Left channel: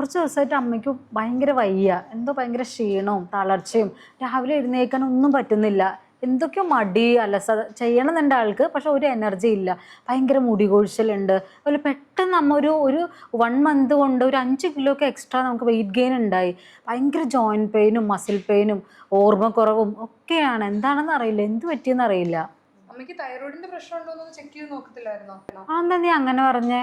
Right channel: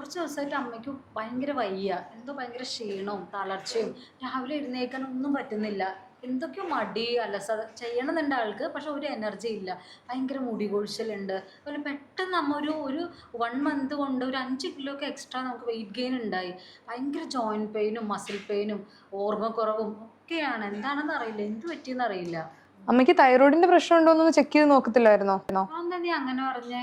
കുറച്ച് ദിവസമായിട്ട് അമ്മയ്ക്ക് ഭയങ്കര വയ്യ. എന്തോ ഭയങ്കര ക്ഷീണവും തളർച്ചയും. രാവിലെ എഴുന്നേക്കാൻ ഒന്നും പറ്റുന്നില്ല. എന്തൊക്കെയോ മടി അലസത ചെയ്യണമെന്നുണ്ട് ആൾക്ക് പക്ഷെ ഒരു എനർജി ഇല്ല. ഭയങ്കര മുടി കൊഴിച്ചിലുണ്ട് അതുപോലെ പെട്ടെന്ന് നമ്മ ഒരു ഒരു വൺ മന്ത് കൊണ്ട് ഒരു അഞ്ച് കിലോ ഒക്കെ എക്സ്ട്രാ നമുക്ക് വെയിറ്റ് ഗെയിൻ ഉണ്ടായി. ഭയങ്കര ജോയിന്റ് പെയിനും മസിൽ പെയിനും ഓർമ്മക്കുറവും ഒക്കെയാണ്. എന്താണെന്ന് അറിയില്ല. എന്ത് പറ്റിയെന്ന് അറിയില്ല. അമ്മയ്ക്ക് തൈറോയിഡിന്റെ പ്രശ്നം ഉണ്ടോ എന്ന് ചെക്ക് ചെയ്ത് നോക്കത്തില്ലായിരുന്നോ? എന്താ നീ അങ്ങനെ പറഞ്ഞേ?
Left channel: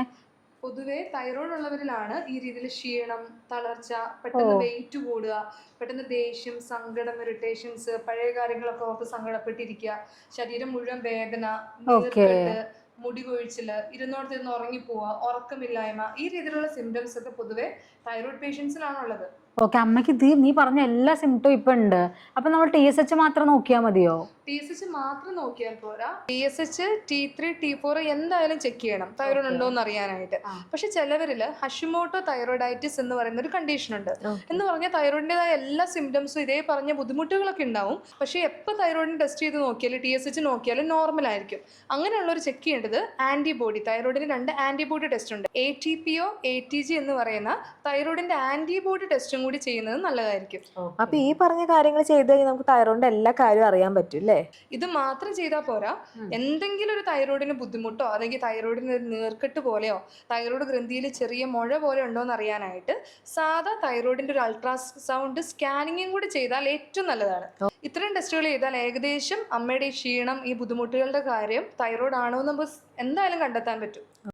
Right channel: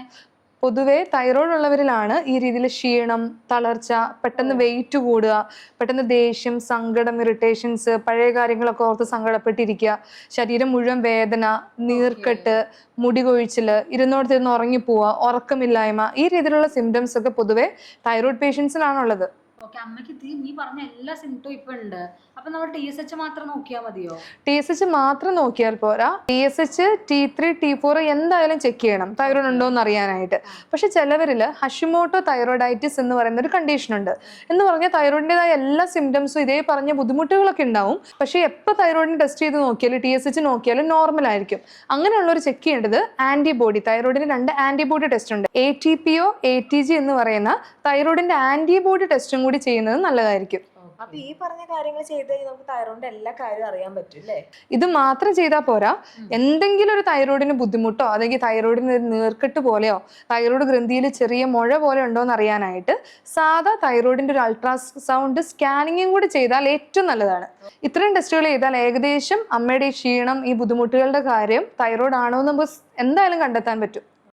പൊതുവെ തൈറോയ്ഡ് ഉള്ളവരിലാണ് ഈ രീതിയിൽ ക്ഷീണം തളർച്ച പെട്ടെന്ന് വെയിറ്റ് കൂടുക പെട്ടെന്ന് ദേഷ്യം സങ്കടം ഇറിറ്റേഷൻസ് പഴയ കാര്യങ്ങളൊക്കെ ഓർത്ത് സങ്കടപ്പെട്ടിരിക്കുക ശരീരം മുഴുവൻ വേദന നീർക്കെട്ട് മുടി കൊഴിച്ചിൽ ഇരുന്നോടത്തിരുന്ന് ഉറങ്ങിപ്പോവുക ഉറക്കമില്ലായ്മ ഈ രീതിയിലുള്ള സിംറ്റംസ് ഒക്കെ പൊതുവെ തൈറോയ്ഡ് പേഷ്യൻസിലാണുള്ളത് ഓക്കെ അമ്മയ്ക്ക് ഇത് നീ പറഞ്ഞ എല്ലാ സിംറ്റവും ഇപ്പൊ ഉണ്ട്. അപ്പൊ നമ്മൾ ടി എസ് എച്ച് മാത്രം നോക്കിയാൽ മതിയോ? ടി എസ് എച്ച് മാത്രം നോക്കിയാൽ പോരാ. T S H T three T four എന്തായാലും ചെക്ക് ചെയ്യണം. തൈറോയ്ഡ് ഉണ്ടോ എന്ന് അറിയാനായിട്ട്. പക്ഷെ ചിലവരിൽ ഹഷിമോട്ടോ തൈറോയിഡൈറ്റിസ് എന്ന് പറയുന്ന ഒരു കണ്ടീഷൻ ഉണ്ട്. എന്ന് പറഞ്ഞാൽ തൈറോയിഡിന്റേതായ എല്ലാ സിംറ്റംസും ഇതേ പറഞ്ഞ ബുദ്ധിമുട്ടുകളൊക്കെ ഉണ്ടാവും. പക്ഷേ എപ്പോൾ തൈറോയിഡിന് ടെസ്റ്റ് ചെയ്ത് നോക്കിയാലും ടി എസ് എച്ച് നോക്കിയാലും നോർമൽ ആയിരിക്കും. അങ്ങനെയുള്ളവർ ചെക്ക് ചെയ്യേണ്ടത് ആന്റിബോഡി തൈറോയിഡിന് രണ്ട് ആന്റിബോഡി ടെസ്റ്റ് ഉണ്ട്. A T P O A T G എന്ന് പറയുന്ന തൈറോയിഡിന്റെ ആന്റിബോഡി ടെസ്റ്റും കൂടി ചെയ്യുന്നത് നല്ലതായിരിക്കും. അപ്പൊ ഈ പറഞ്ഞ കാര്യങ്ങൾ ചെയ്ത് കഴിഞ്ഞാൽ നമുക്ക് തൈറോയിഡിന്റെ എല്ലാ കാര്യവും അറിയാൻ പറ്റും അല്ലേ? ഇത് മാത്രം ചെയ്താൽ പോരാ. എന്തെങ്കിലും ഒരു തൈറോയിഡിന് ബുദ്ധിമുട്ടോ അല്ലെങ്കിൽ തൈറോയിഡിന് ഒരു നീർക്കെട്ട് പോലെയോ തൈറോയിഡ് ഗ്രന്ഥിയിൽ ചെറിയ മുഴ പോലെ ഉണ്ടോ എന്ന് അറിയാനായിട്ട് സാധാ തൈറോയിഡിന്റെ ഒരു അൾട്രാസൗണ്ട് സ്കാനിങ്ങും കൂടി ചെയ്താൽ ഏറ്റവും നല്ലതാണ്. ഇത്രയും ടെസ്റ്റുകൾ ചെയ്താൽ ഏകദേശം അമ്മയുടെ ക്ഷീണം ഈ ബുദ്ധിമുട്ടുകളുടെ കാര്യം തൈറോയിഡ് ആണോ എന്ന് നമുക്ക് എന്തായാലും കണ്ടെത്താൻ പറ്റും.